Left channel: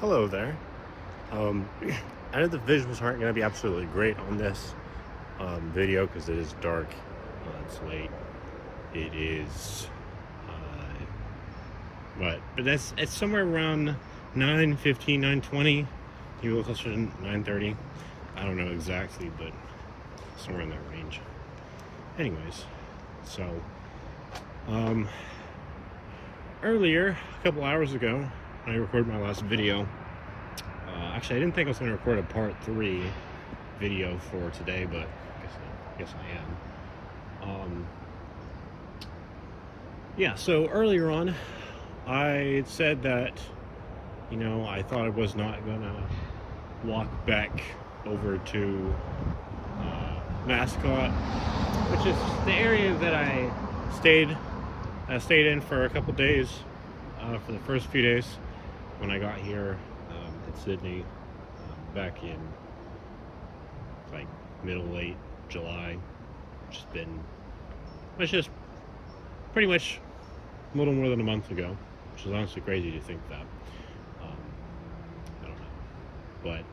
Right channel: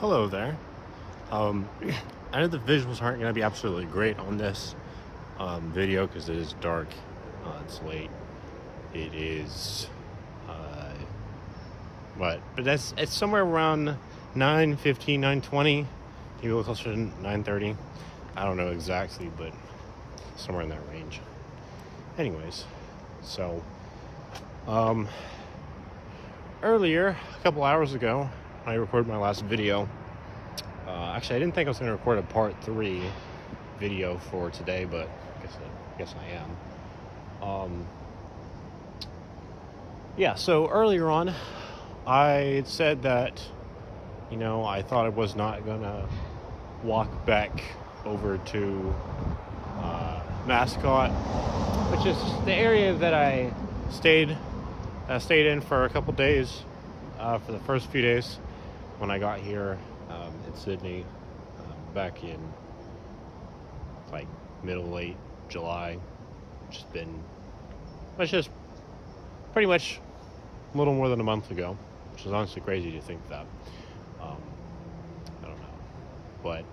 Hello there. I know the visuals aren't going to be absolutely great on this video because it is dark. It's late. It is, but it's somewhere around 9:15, 9:20. Maybe a little closer to 9:30. I don't know exactly, but somewhere in that range. Anyways, so earlier, a couple hours ago, I recorded my last video. Actually, I didn't think I was going to record a part 3 video for today, but I guess I am. Yeah, so earlier on, I said that, I thought I was not going to walk back over to Mascot, which is the area that I stayed in for a couple days, for the first few days when I got here in Sydney, back in like late July, which is pretty much a little more than a month ago, which is honestly crazy to think that. I don't know, but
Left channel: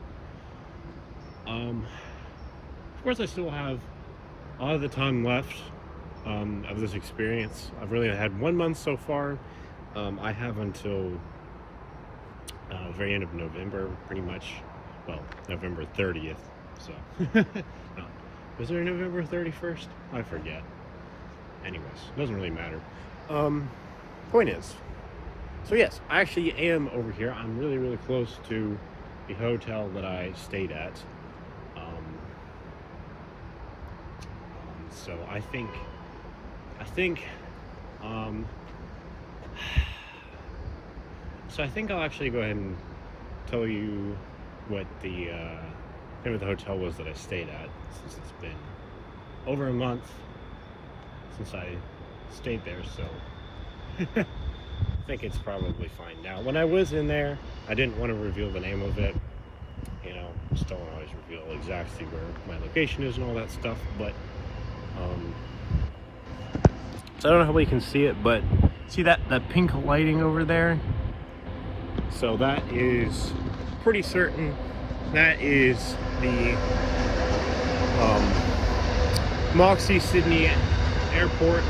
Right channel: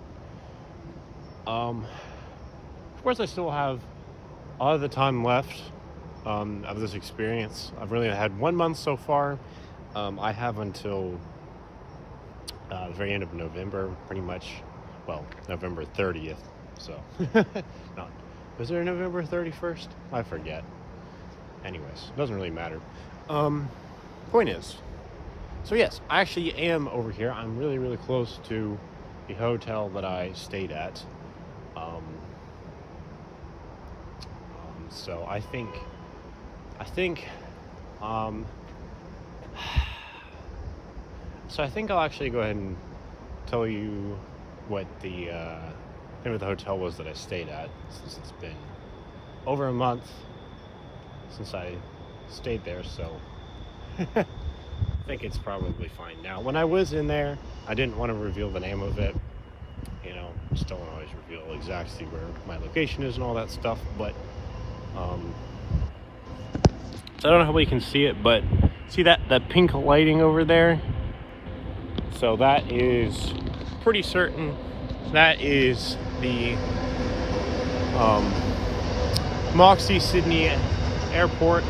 of course I still have a lot of the time left of this experience. I've really had 1 month so far. I have until the very end of November, pretty much. Well, November 30th. So, no, was there November 31st? I forget. Anyways, doesn't really matter. Point is, so yes, I actually am over here. I'm really, really close to the hotel that I stayed at. So I think, so I think I'll actually go ahead and tell you what the name of the hotel was that I stayed at, since it's been over a month since I stayed there, so I think it's probably fine now. When I was in there, I didn't want to reveal the name of it. Still don't always reveal exactly where my location is and all that stuff, but so I don't know how well you can see it, but see that pink lighting over there? So that is pretty certain that is the Moxie Sydney Airport,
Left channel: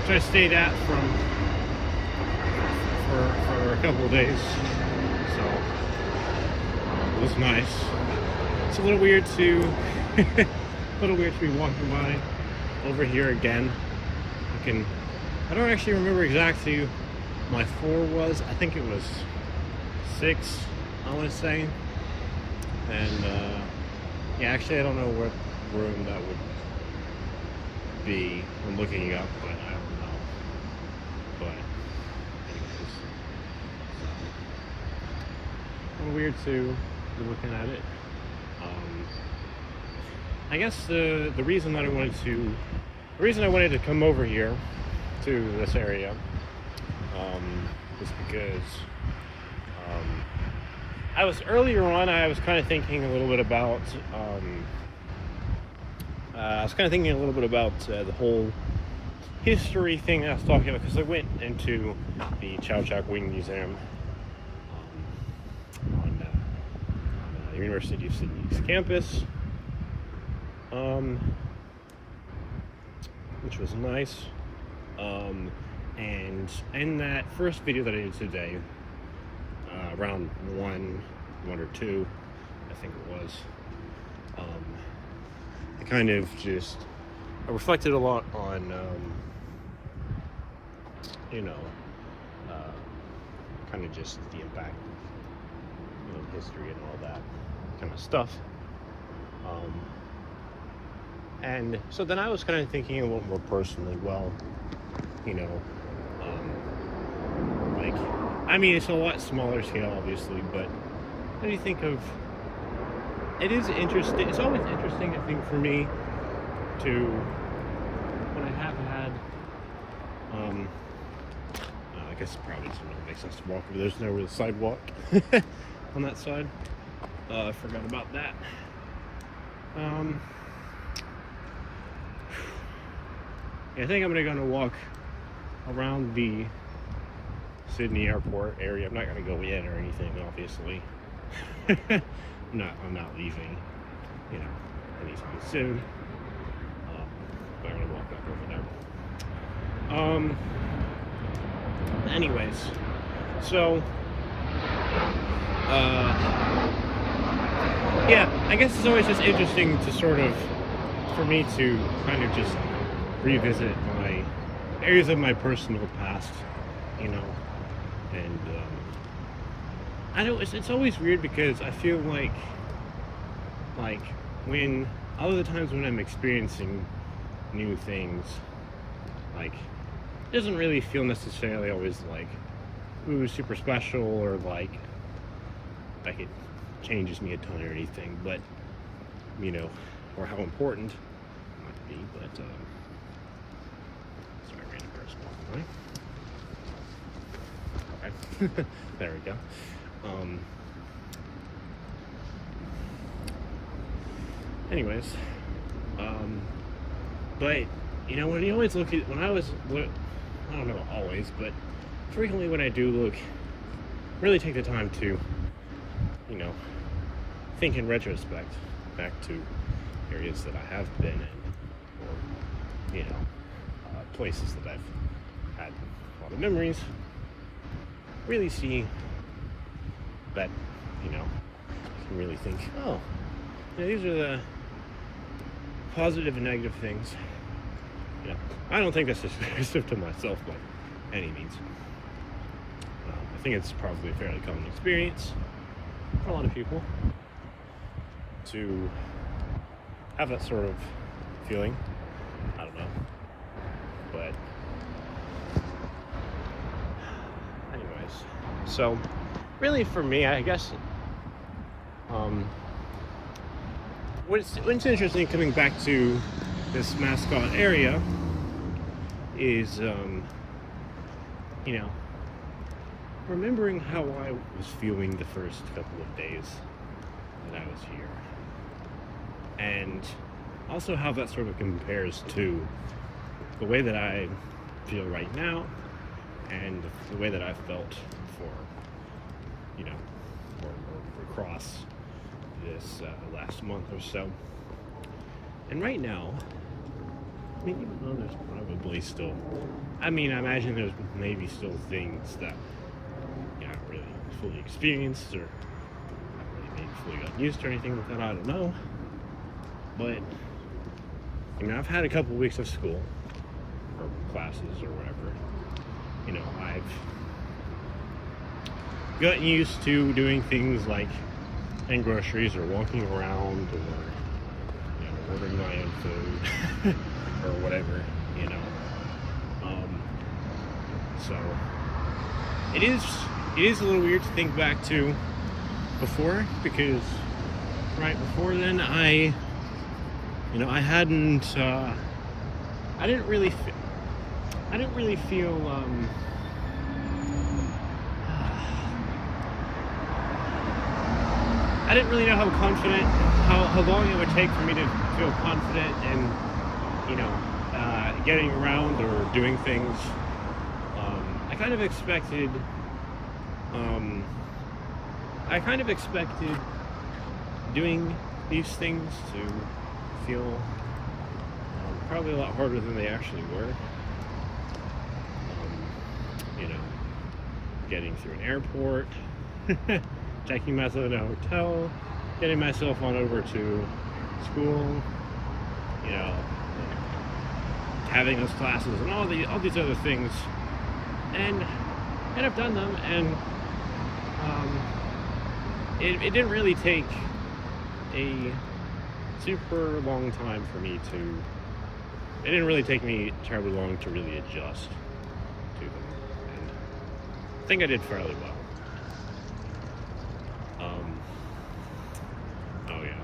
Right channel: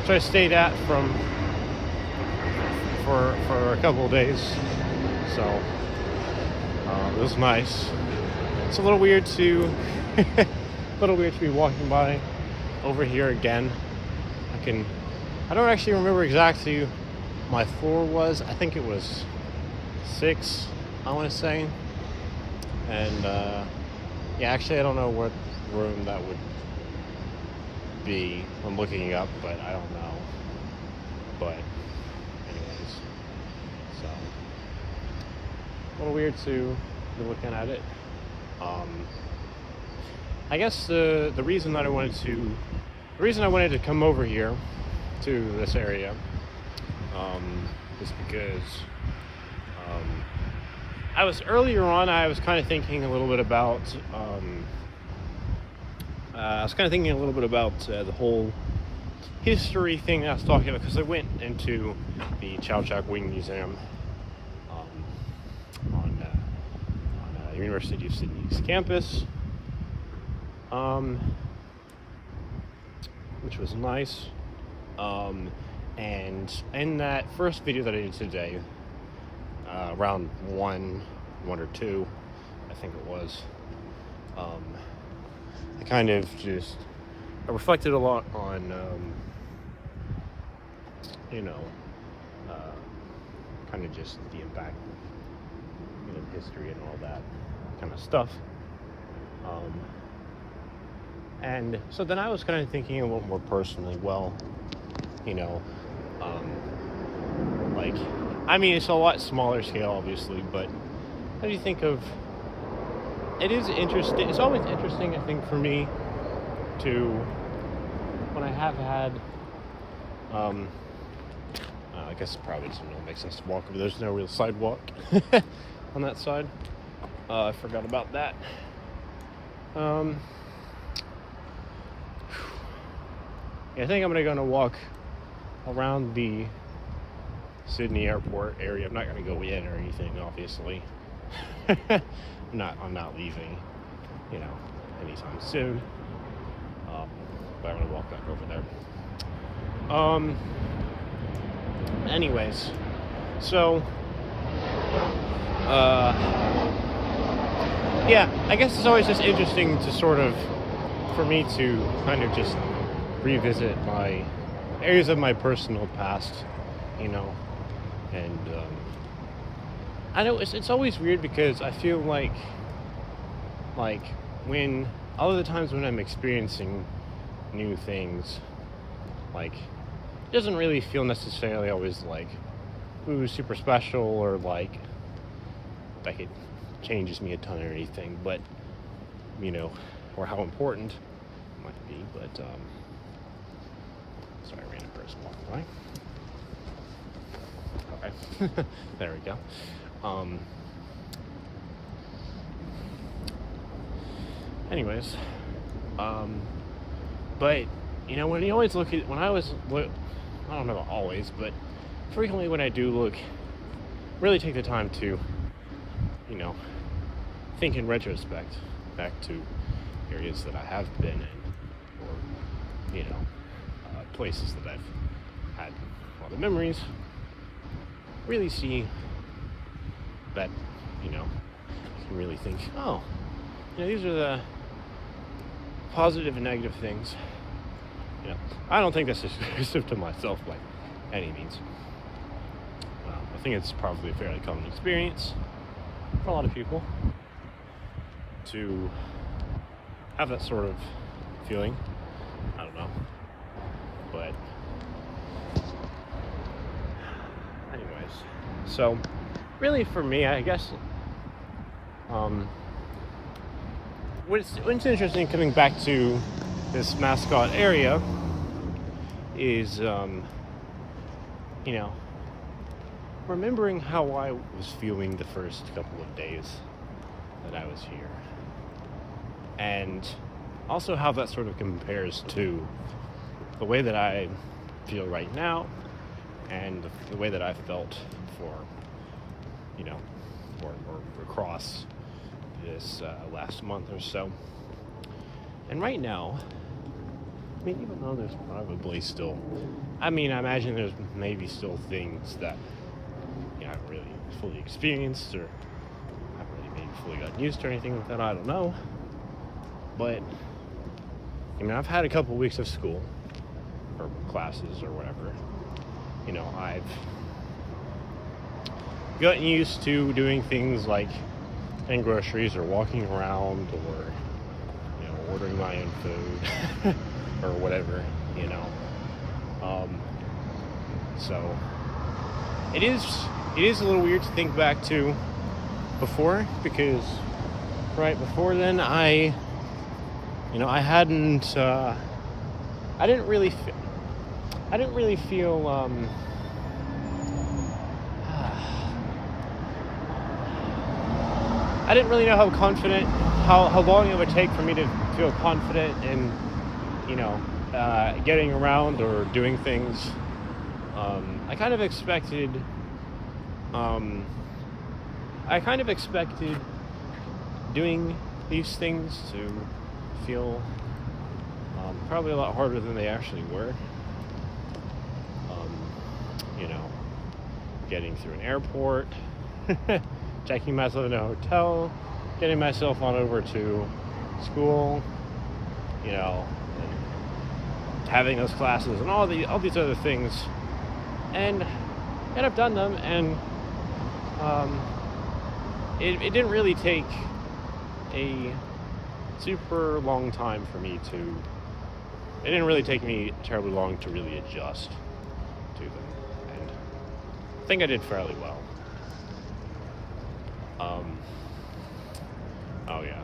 which I stayed at for a couple of days. So it was nice. It's a little weird to be walking by over here again. I don't actually remember exactly my floor was. I think it was 6, I want to say. And yeah, actually I don't know what room that would be. I'm looking it up, but I don't know. But anyways, so a little weird to be looking at it. I guess the reason I wanted to come over here to this area is because I was kind of thinking a little bit about the whole history thing that I was talking about, because I went into the Chow Chow Wing Museum on University of Sydney's campus, which was nice. And in that first video that I did today, around 1 or 2, I think it was, I reflected a lot on, kind of just the impact of history and all that kind of stuff. And so then I was kind of thinking a little more personally, well, it's a lot smaller scale, obviously, but what do you think of, it is interesting, it's always interesting, I think, for me to, when I have had, I guess it probably doesn't really make sense to walk over, there's no real sidewalk on that side. I forgot about that. I think I'm gonna walk around the Sydney airport area. I'm not going to go in or anything, obviously. I'm not leaving, you know, anytime soon. But I'm gonna walk back over there. Anyways, so yeah, I guess it's always just interesting to sort of, for me to kind of just revisit my areas of my personal past, you know, and I know it's always weird because I feel like when all of the times when I'm experiencing new things, like, it doesn't really feel necessarily always like, ooh, super special, or like it changes me a ton or anything, but, you know, or how important it might be, but sorry, random person, right? Okay. There we go. Anyways, but, you know, when you always look at, I don't know always, but frequently when I do look, really take the time to, you know, think in retrospect back to areas that I have been in, or, you know, places that I've had a lot of memories, really see that, you know, can really think, oh, you know, these are the positive and negative things. You know, I don't think this is exclusive to myself by any means. I think it's probably a fairly common experience for a lot of people to have that sort of feeling. I don't know, but anyways, so really for me, I guess what's interesting coming back to this Mascot area is, you know, remembering how I was feeling the first couple of days that I was here, and also how that sort of compares to the way that I feel right now and the way that I felt for, you know, or across this last month or so. And right now, I mean, even though there's probably still, I mean, I imagine there's maybe still things that, you know, I haven't really fully experienced, or haven't really maybe fully gotten used to, or anything like that, I don't know. But, I mean, I've had a couple weeks of school, or classes, or whatever. You know, I've gotten used to doing things like getting groceries, or walking around, or, you know, ordering my own food, or whatever, you know. So it is a little weird to think back to before, because right before then I didn't really feel I didn't really know how confident, how long it would take for me to feel confident in, you know, getting around or doing things. I kind of expected doing these things to feel probably a lot harder than they actually were. You know, getting through an airport, checking myself in a hotel, getting myself on over to school, you know, having those classes and all these other things, and I've done them, and it didn't really take a super long time for me to. It didn't really take me terribly long to really adjust to them. And I think I did fairly well. Oh yeah.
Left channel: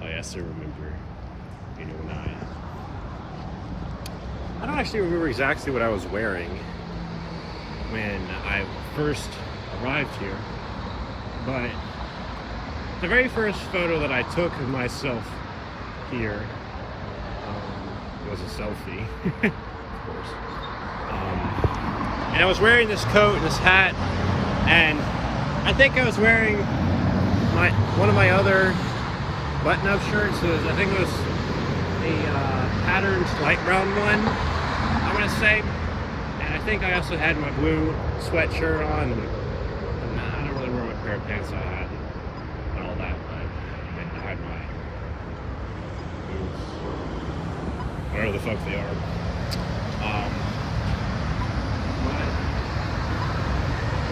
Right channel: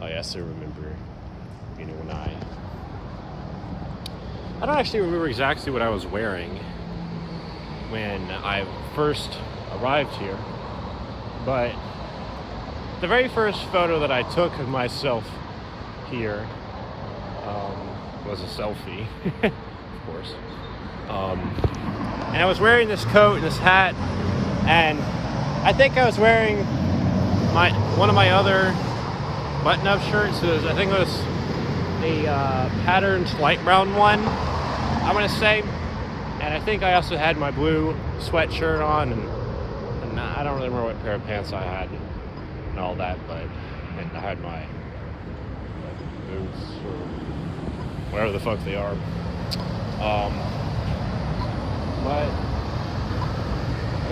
Oh yes, I remember. You know, when I don't actually remember exactly what I was wearing when I first arrived here, but the very first photo that I took of myself here was a selfie, of course. And I was wearing this coat and this hat, and I think I was wearing one of my other button-up shirts. I think it was a patterned light brown one, I'm gonna say. And I think I also had my blue sweatshirt on, and I don't really remember what pair of pants I had and all that, but I had my boots, whatever the fuck they are. But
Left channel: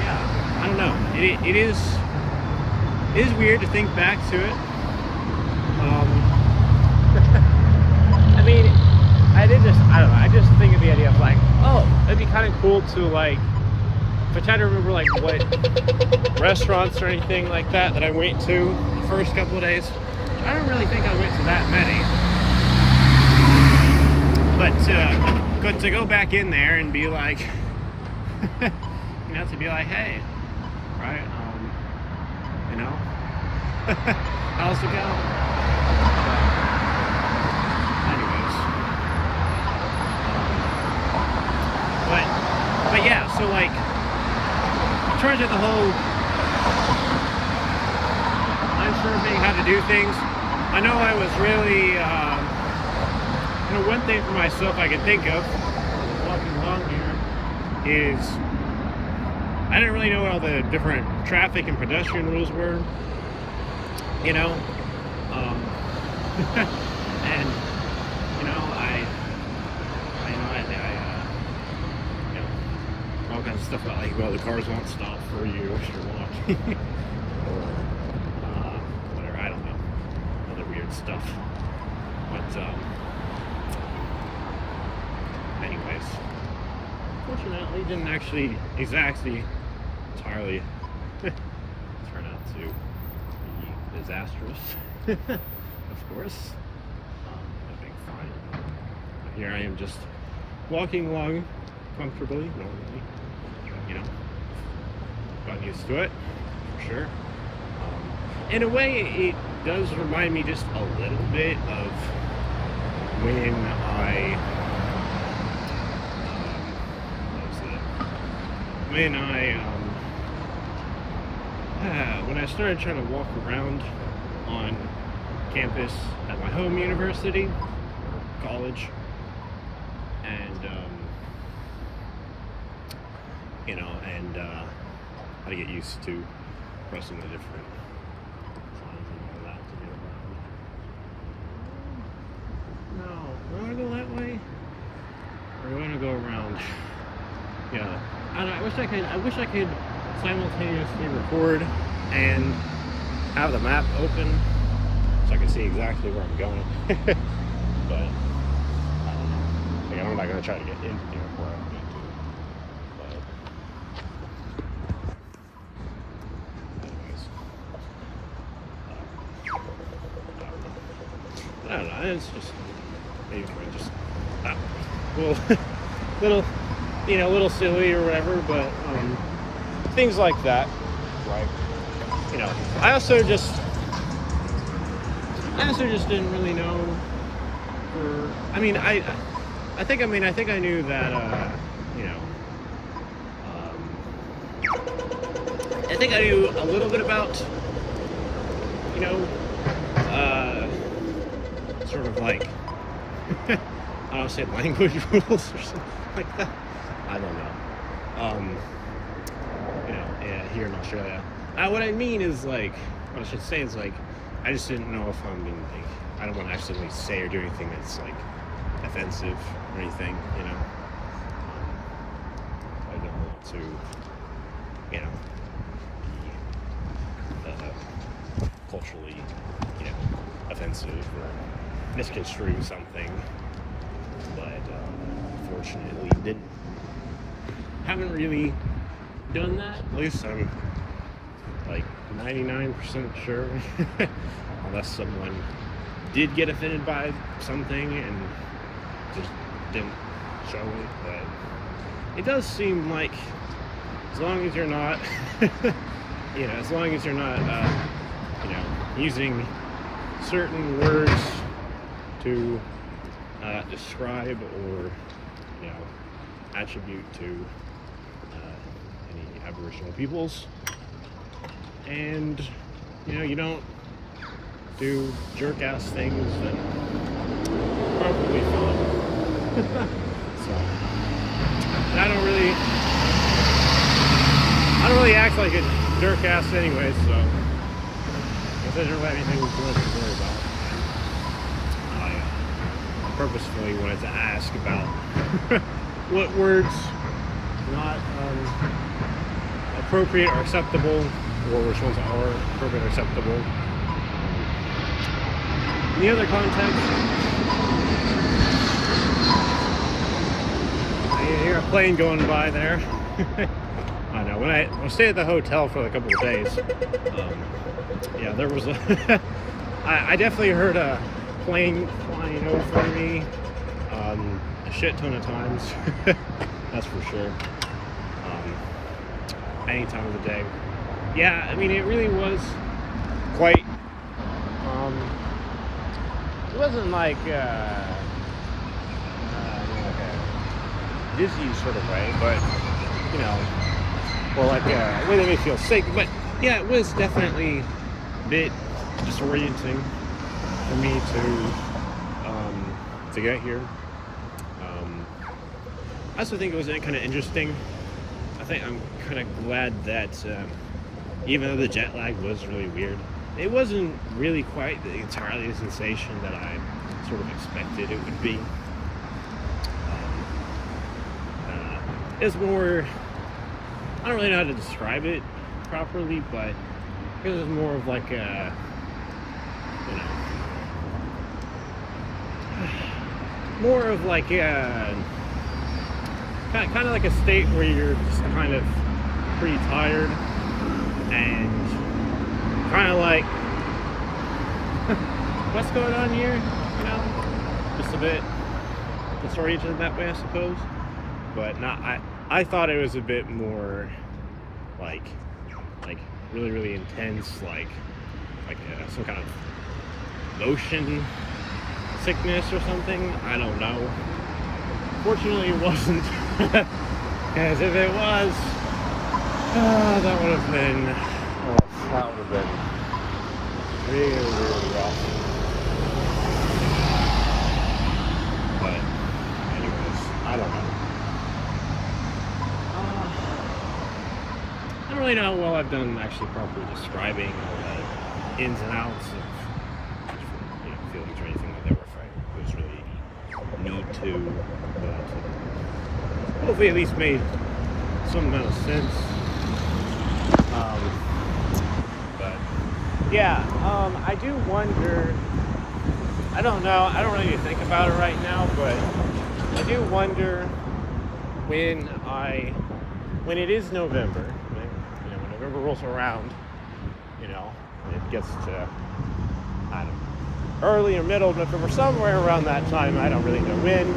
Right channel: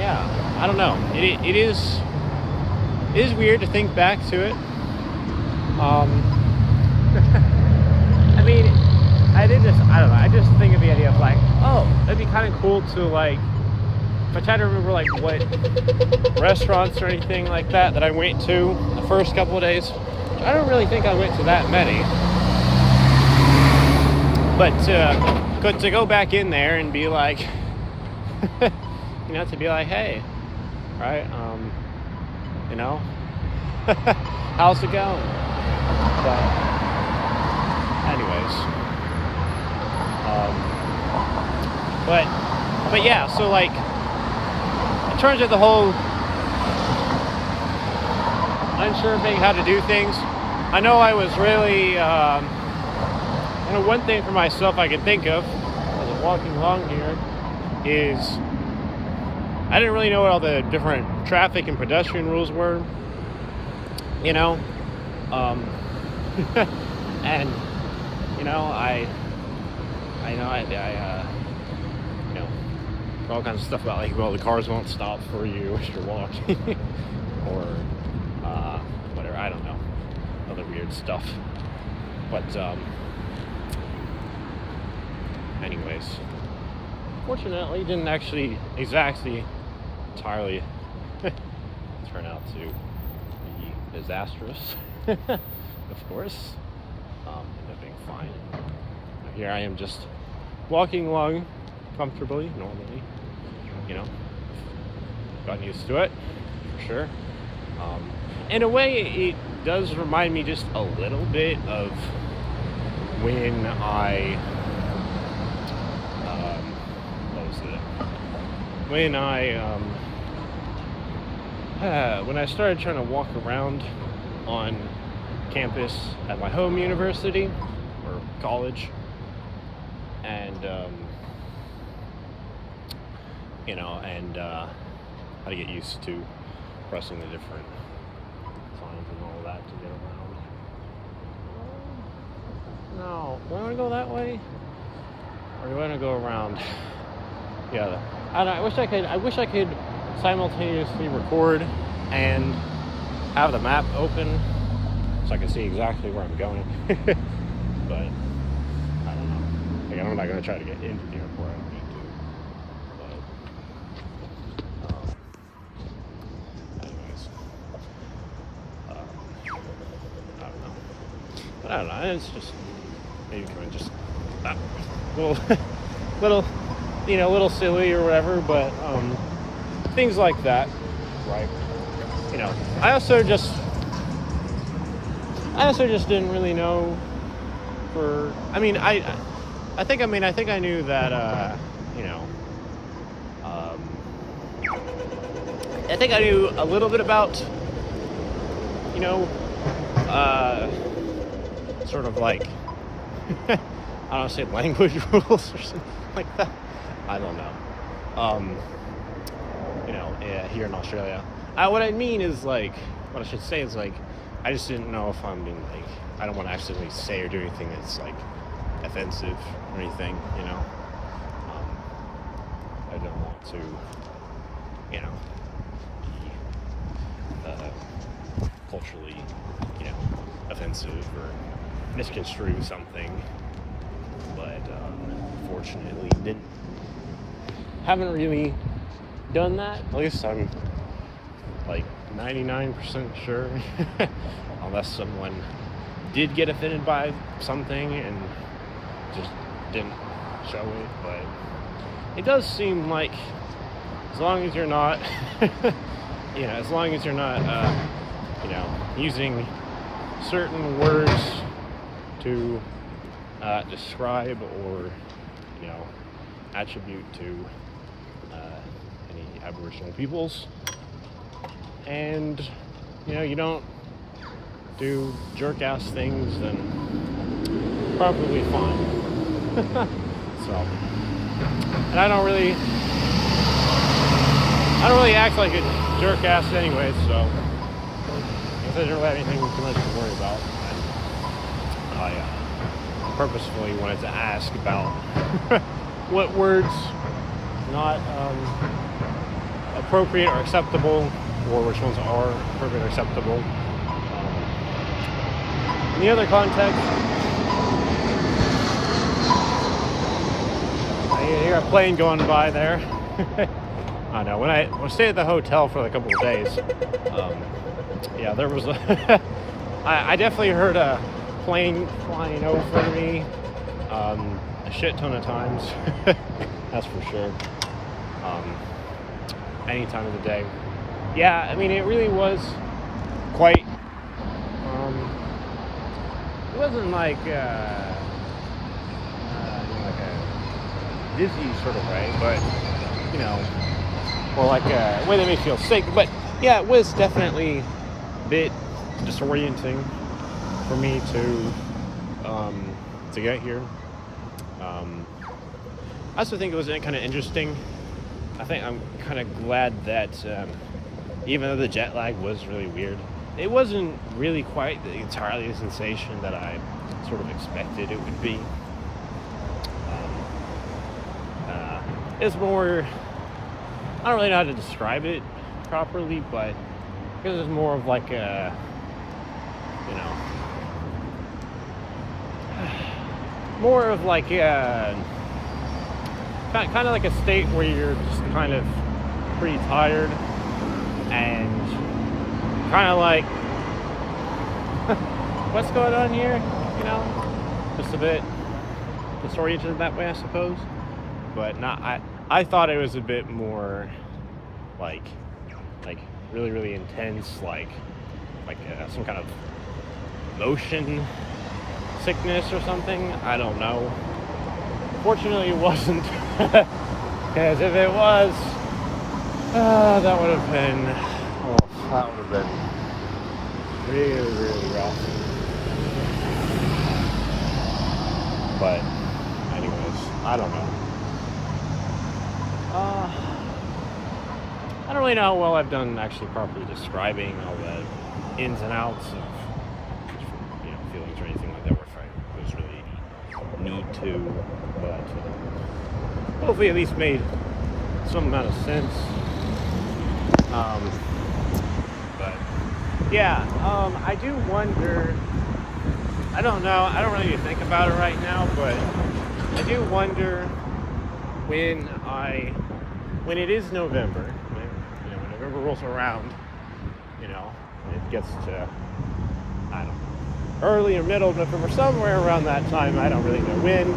yeah, I don't know. It is weird to think back to it. I mean, I don't know. I just think of the idea of like, oh, it'd be kind of cool to like, if I try to remember like what restaurants or anything like that I went to the first couple of days. I don't really think I went to that many. But to go back in there and be like, to be like, hey, right, how's it going? But anyways, but yeah, so like, in terms of the whole unsure thing, how to do things, I know I was really, one thing for myself I could think of as I'm walking along here is I didn't really know what all the different traffic and pedestrian rules were, and all kinds of stuff about like, well, the cars won't stop for you if you're walking, or whatever, I don't know, other weird stuff. But anyways, fortunately, it didn't actually exactly entirely turn out to be disastrous. Of course, everything fine. Here I am, just walking along comfortably, normally. Got used to it, for sure. In a way, it does remind me just a little bit of when when I started trying to walk around on campus at my home university or college, and how to get used to pressing the different signs and all that to get around. No, do I want to go that way, or do I want to go around? Yeah, I wish I could simultaneously record and have the map open so I can see exactly where I'm going. But I don't know. Like, I'm not going to try to get into the airport. I don't know. It's just maybe just little silly or whatever, but things like that, right? I also just didn't really know. I think I knew that I think I knew a little bit about sort of like I don't say language rules or something like that. I don't know. Here in Australia. What I mean is like, what I should say is like, I just didn't know if I'm doing like, I don't want to accidentally say or do anything that's like offensive or anything, I don't want to, culturally, offensive or misconstrue something, but unfortunately haven't really done that. At least I'm like 99% sure, unless someone did get offended by something and just didn't show it. But it does seem like, as long as you're not using certain words to describe or attribute to any Aboriginal peoples. And you don't do jerk-ass things, then probably fine. So, and I don't really act like a jerk-ass anyway, so there's really anything too much to worry about. I purposefully wanted to ask about what words not appropriate or acceptable, or which ones are appropriate or acceptable. In the other context, I hear a plane going by there. I know, when I stayed at the hotel for a couple of days, yeah, there was I definitely heard a plane flying over me a shit ton of times. That's for sure. Any time of the day. Yeah, I mean, it really was quite, it wasn't like, like a dizzy sort of way, but, or like a way that made me feel sick. But yeah, it was definitely a bit disorienting for me to get here. I also think it was kind of interesting. I think I'm kind of glad that even though the jet lag was really weird, it wasn't really quite entirely the sensation that I sort of expected it would be. It's more, I don't really know how to describe it properly, but it was more of like a, more of like a, kind of like a state where you're just kind of pretty tired and kind of like, what's going on here? Just a bit disoriented in that way, I suppose. But not, I thought it was a bit more like really, really intense, like some kind of motion sickness or something. I don't know. Fortunately, it wasn't, because if it was, that would have been really, really rough. But anyways, I don't know. I don't really know how well I've done actually properly describing all the ins and outs of feelings or anything like that, if I really need to. But hopefully at least made some kind of sense. But yeah, I do wonder, I don't know, I don't really think about it right now, but I do wonder when it is November, when November rolls around, it gets to, I don't know, early or middle of November, somewhere around that time, I don't really know when.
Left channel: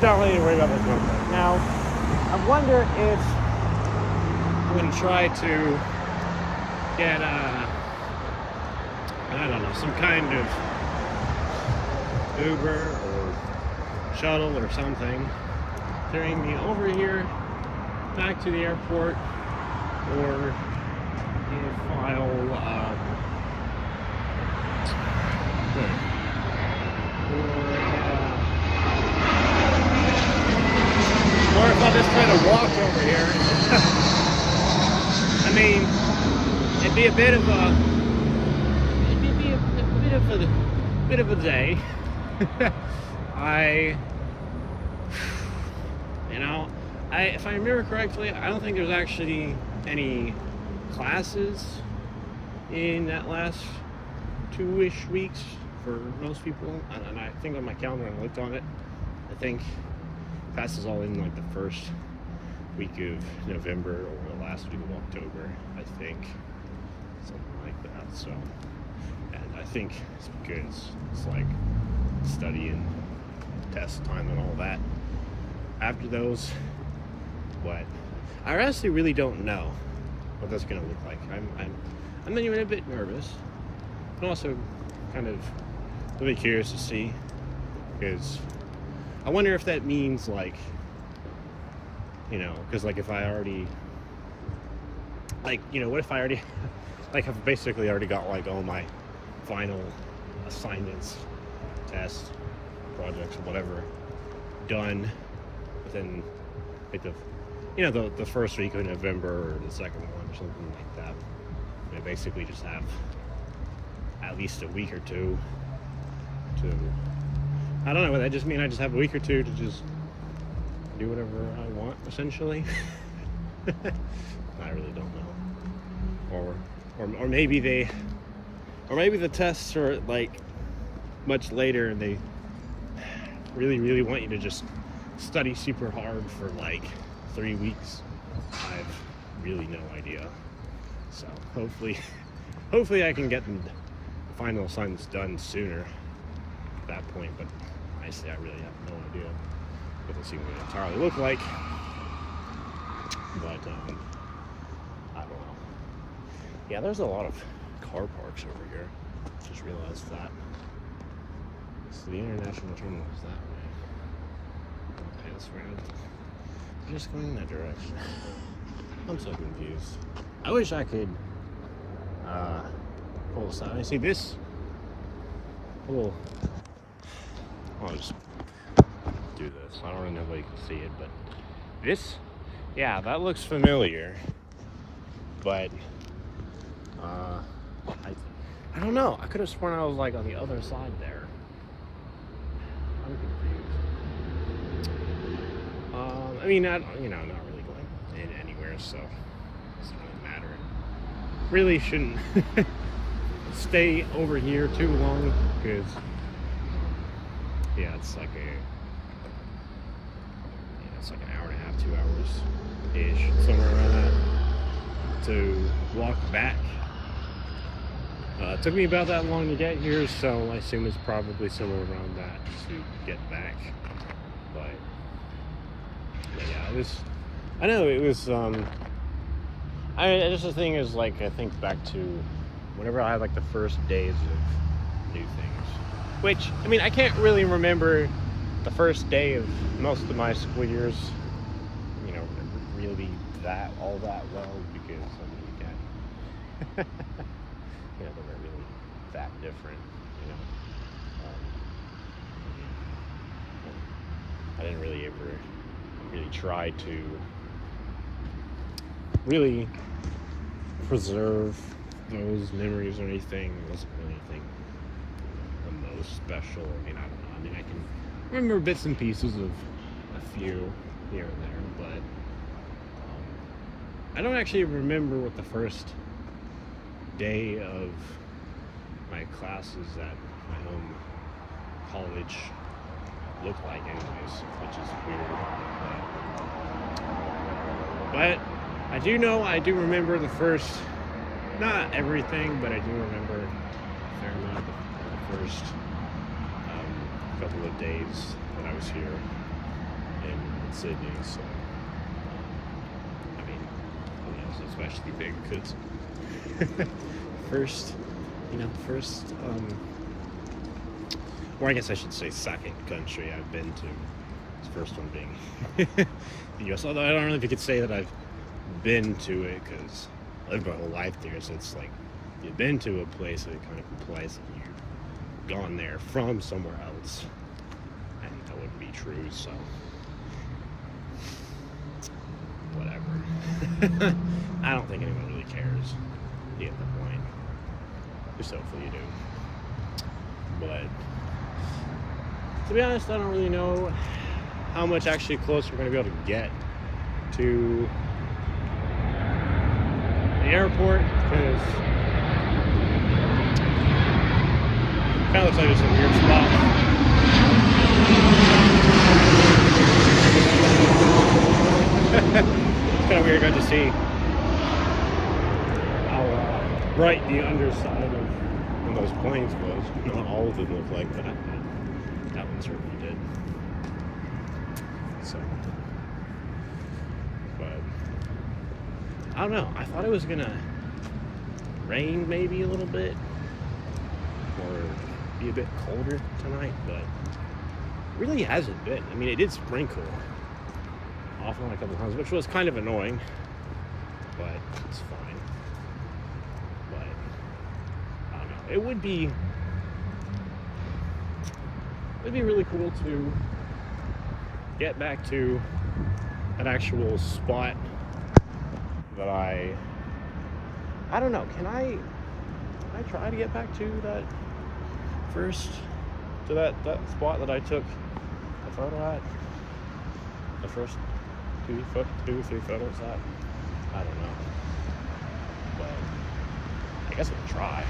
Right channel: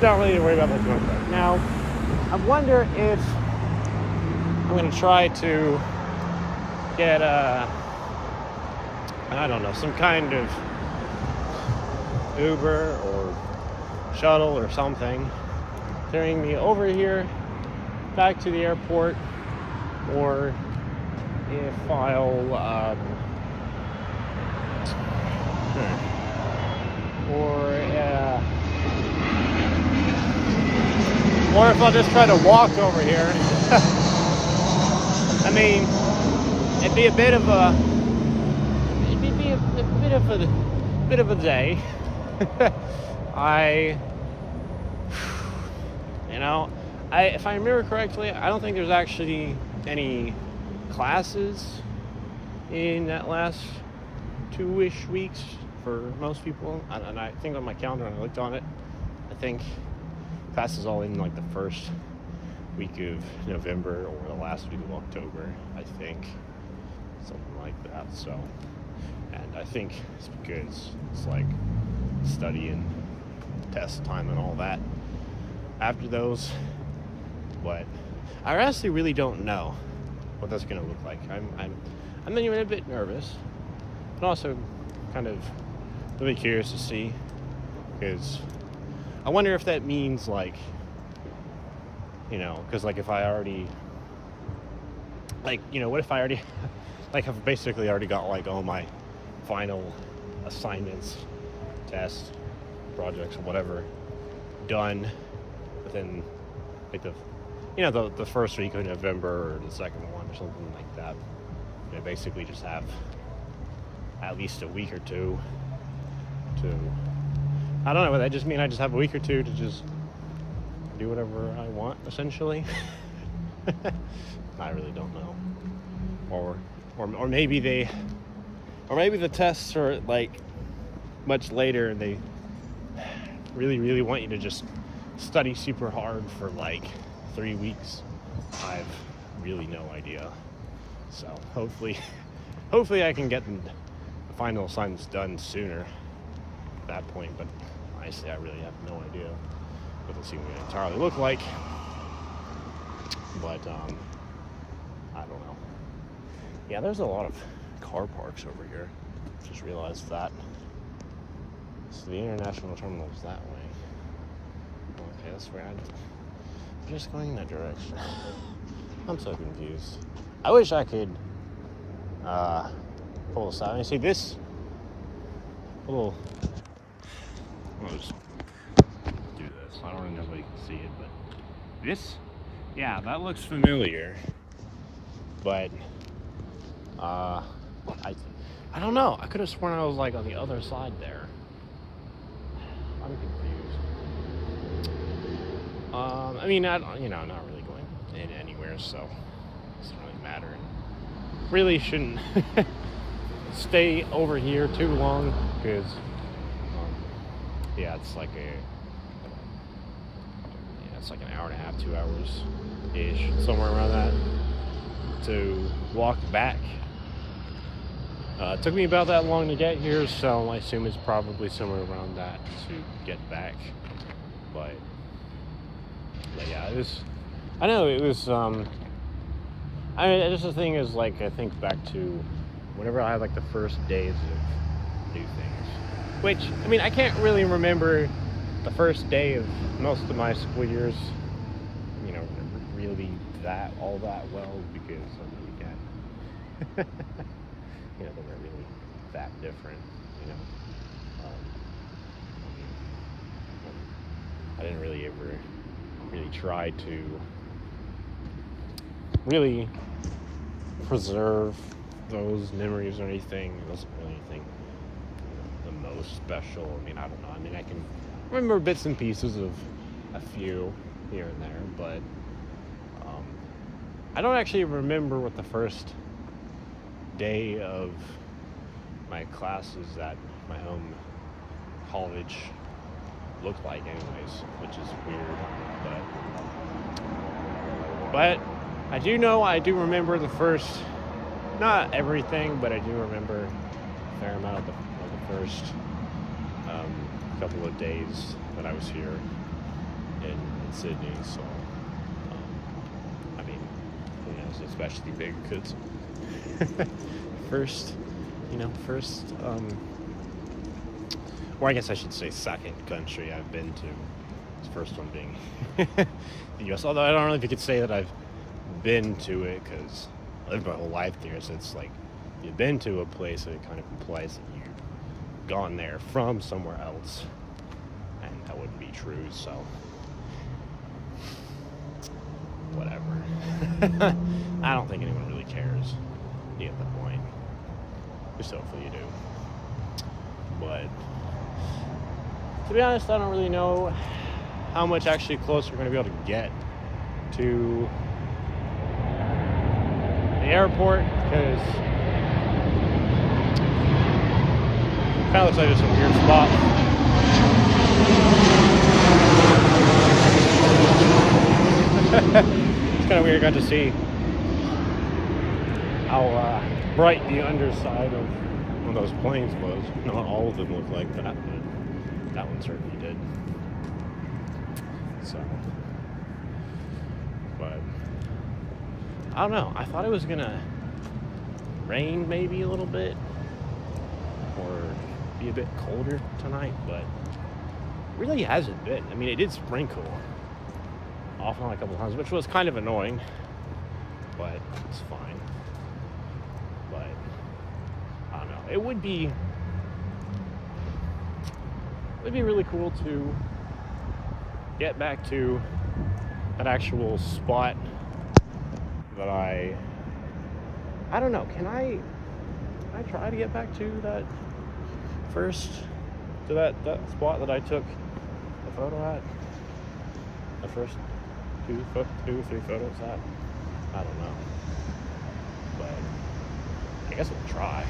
Don't really need to worry about that right now. I wonder if I'm going to try to get I don't know, some kind of Uber or shuttle or something carrying me over here back to the airport, or if I'll or if I'll just kind of walk over here. I mean, it'd be a bit of a day. If I remember correctly, I don't think there's actually any classes in that last 2-ish weeks for most people. And I think on my calendar, when I looked on it, I think class is all in like the first week of November or the last week of October, I think, something like that. So, and I think it's because it's like study and test time and all that after those. But I honestly really don't know what that's gonna look like. I'm even a bit nervous, but also kind of really curious to see, because I wonder if that means like you know, because like if I already, like, you know, what if I already, like I've basically already got like all my final assignments, tests, projects, or whatever done within like the, you know, the first week of November or the second one or something like that. You know, basically just have at least a week or two to, I don't know, that just mean I just have a week or two to just do whatever I want, essentially. I really don't know. Or maybe the tests are like much later and they really want you to just study super hard for like 3 weeks. I've really no idea. So hopefully I can get the final assignments done sooner at that point, but honestly I really have no idea what this even entirely look like. But I don't know. Yeah, there's a lot of car parks over here. Just realized that. So the international terminal is that way. Okay, that's rad. Just going in that direction. I'm so confused. I wish I could pull this out. You see this little, I'll just do this. I don't really know if you can see it, but this, yeah, that looks familiar. But I don't know. I could have sworn I was like on the other side there. I'm confused. I mean, not really going in anywhere, so it doesn't matter. Really shouldn't stay over here too long because, yeah, it's like an hour and a half, 2 hours ish, somewhere around that, to walk back. It took me about that long to get here, so I assume it's probably somewhere around that to get back. But yeah, it was, I know it was, just the thing is, like, I think back to whenever I had like the first days of new things, which, I mean, I can't really remember the first day of most of my school years, you know, really all that well, because, I mean, again, you know, they weren't really that different, you know. I didn't really ever try to really preserve those memories or anything. It wasn't really anything, you know, the most special. I mean, I don't know. I mean, I can remember bits and pieces of a few here and there, but I don't actually remember what the first day of my classes at my home college looked like anyways, which is weird. But I do know, I do remember the first, not everything, but I do remember a fair amount of the first couple of days that I was here in Sydney. So, I mean, who knows, especially big because first, or I guess I should say second country I've been to. This first one being the US, although I don't know if you could say that I've been to it, because I lived my whole life there, so it's like, if you've been to a place, it kind of implies that you've gone there from somewhere else, and that wouldn't be true, so whatever. I don't think anyone really cares at the end of the point. Just hopefully you do. But to be honest, I don't really know how much actually close we're going to be able to get to the airport, because it kind of looks like it's a weird spot. It's kind of weird got to see how bright the underside of one of those planes was. Not all of them look like that. That one certainly did. So, but I don't know. I thought it was gonna rain maybe a little bit, or be a bit colder tonight, but it really hasn't been. I mean, it did sprinkle off on a couple times, which was kind of annoying, but it's fine. But I don't know. It would be really cool to get back to that actual spot that I don't know. Can I try to get back to that that spot that I took the photo at? The first two, 3 photos at? I don't know. But I guess we'll try.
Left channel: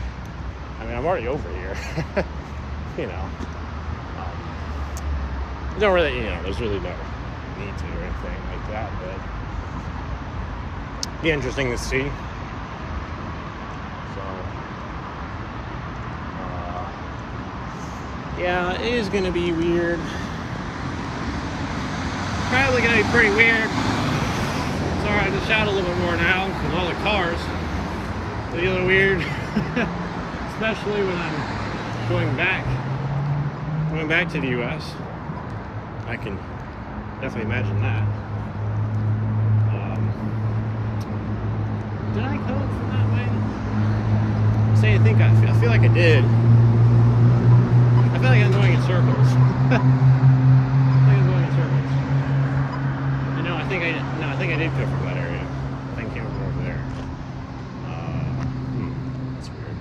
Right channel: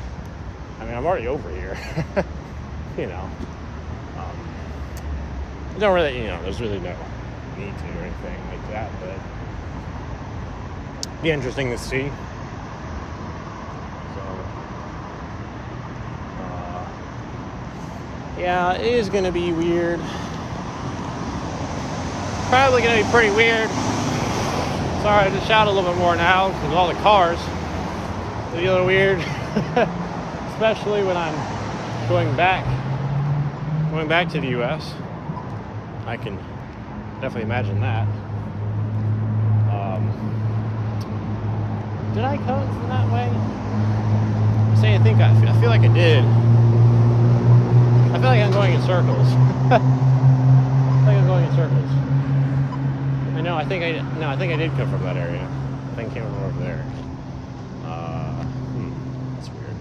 I mean, I'm already over here. You know. Don't really, you know, there's really no need to or anything like that, but it'd be interesting to see. Yeah, it is going to be weird. Probably going to be pretty weird. Sorry, I just shout a little bit more now with all the cars. It'll be a little weird. Especially when I'm going back to the U.S. I can definitely imagine that. Did I come from that way? I feel like I did. I feel like I'm going in circles. You know, I think I did come from that area. I think I came from over there. That's weird.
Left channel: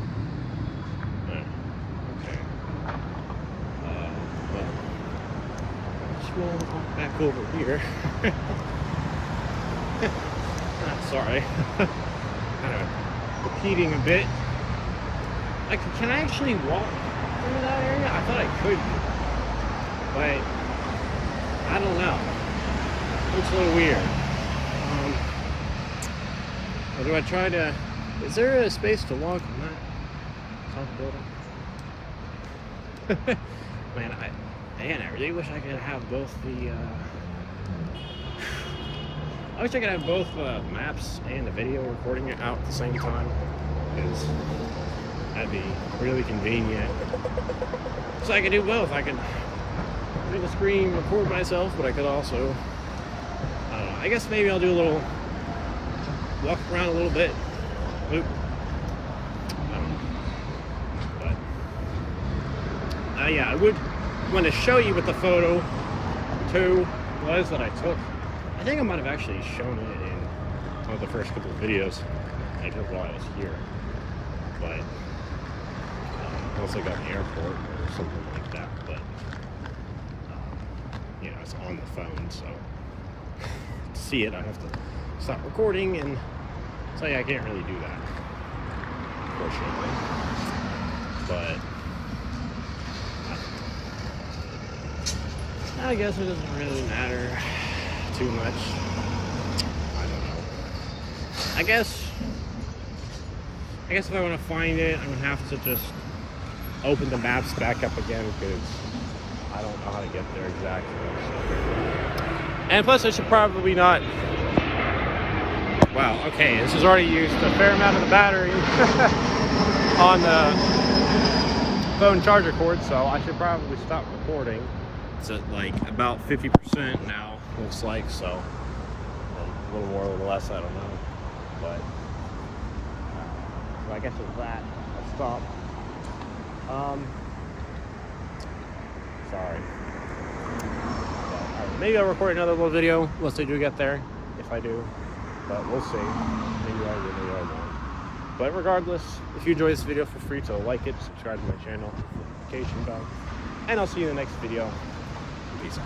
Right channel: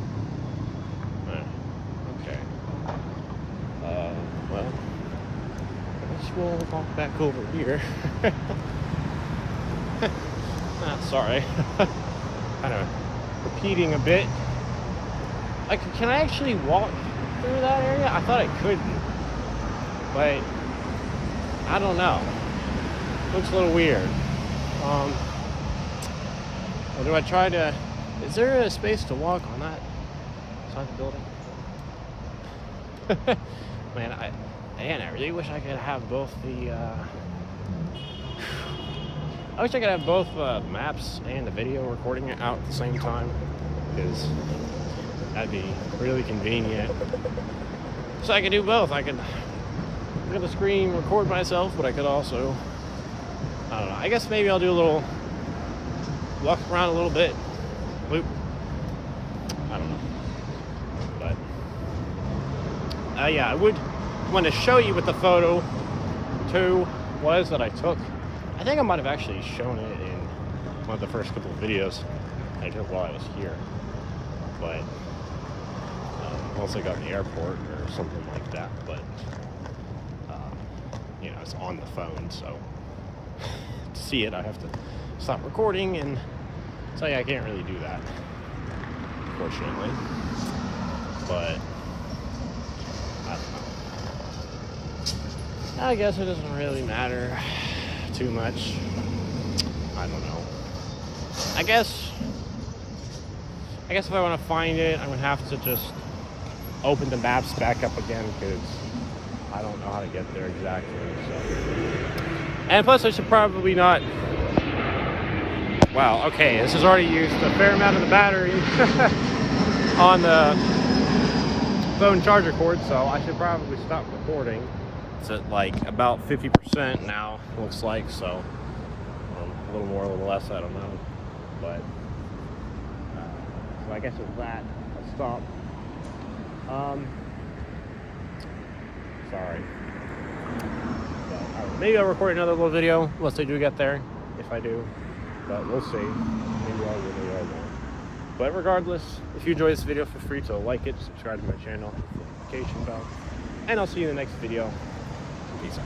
Alright. Okay. Well, just gonna walk back over here. Sorry. Kind of repeating a bit. Like, can I actually walk through that area? I thought I could, but I don't know. Looks a little weird. Or do I try to? Is there a space to walk on that side of the building? Man, I really wish I could have both the. I wish I could have both maps and the video recording it out at the same time, because that'd be really convenient. So I could do both. I could look at the screen, record myself, but I could also, I don't know, I guess maybe I'll do a little walk around a little bit. Loop. I don't know. But yeah, I would want to show you what the photo too was that I took. I think I might have actually shown it in one of the first couple of videos I took while I was here. But also got an airport or something like that, but you know, it's on the phone, so to see it I have to stop recording, and so yeah, I can't really do that, unfortunately. But I guess it doesn't really matter too much. I don't know. I guess if I want to find it, I'm gonna have to just open the maps back up again, because I don't know how to get there exactly. So. And plus, I should probably not. Wow. Okay, this has already used a fair amount of the battery on the phone charger cord, so I should probably stop recording. It's at like about 50% now, looks like, so a little more, a little less, I don't know. But so I guess with that, I'll stop. Sorry. But, maybe I'll record another little video once I do get there, if I do. But we'll see. Maybe I will, maybe I won't. But regardless, if you enjoyed this video, feel free to like it, subscribe to my channel, notification bell, and I'll see you in the next video. Peace out.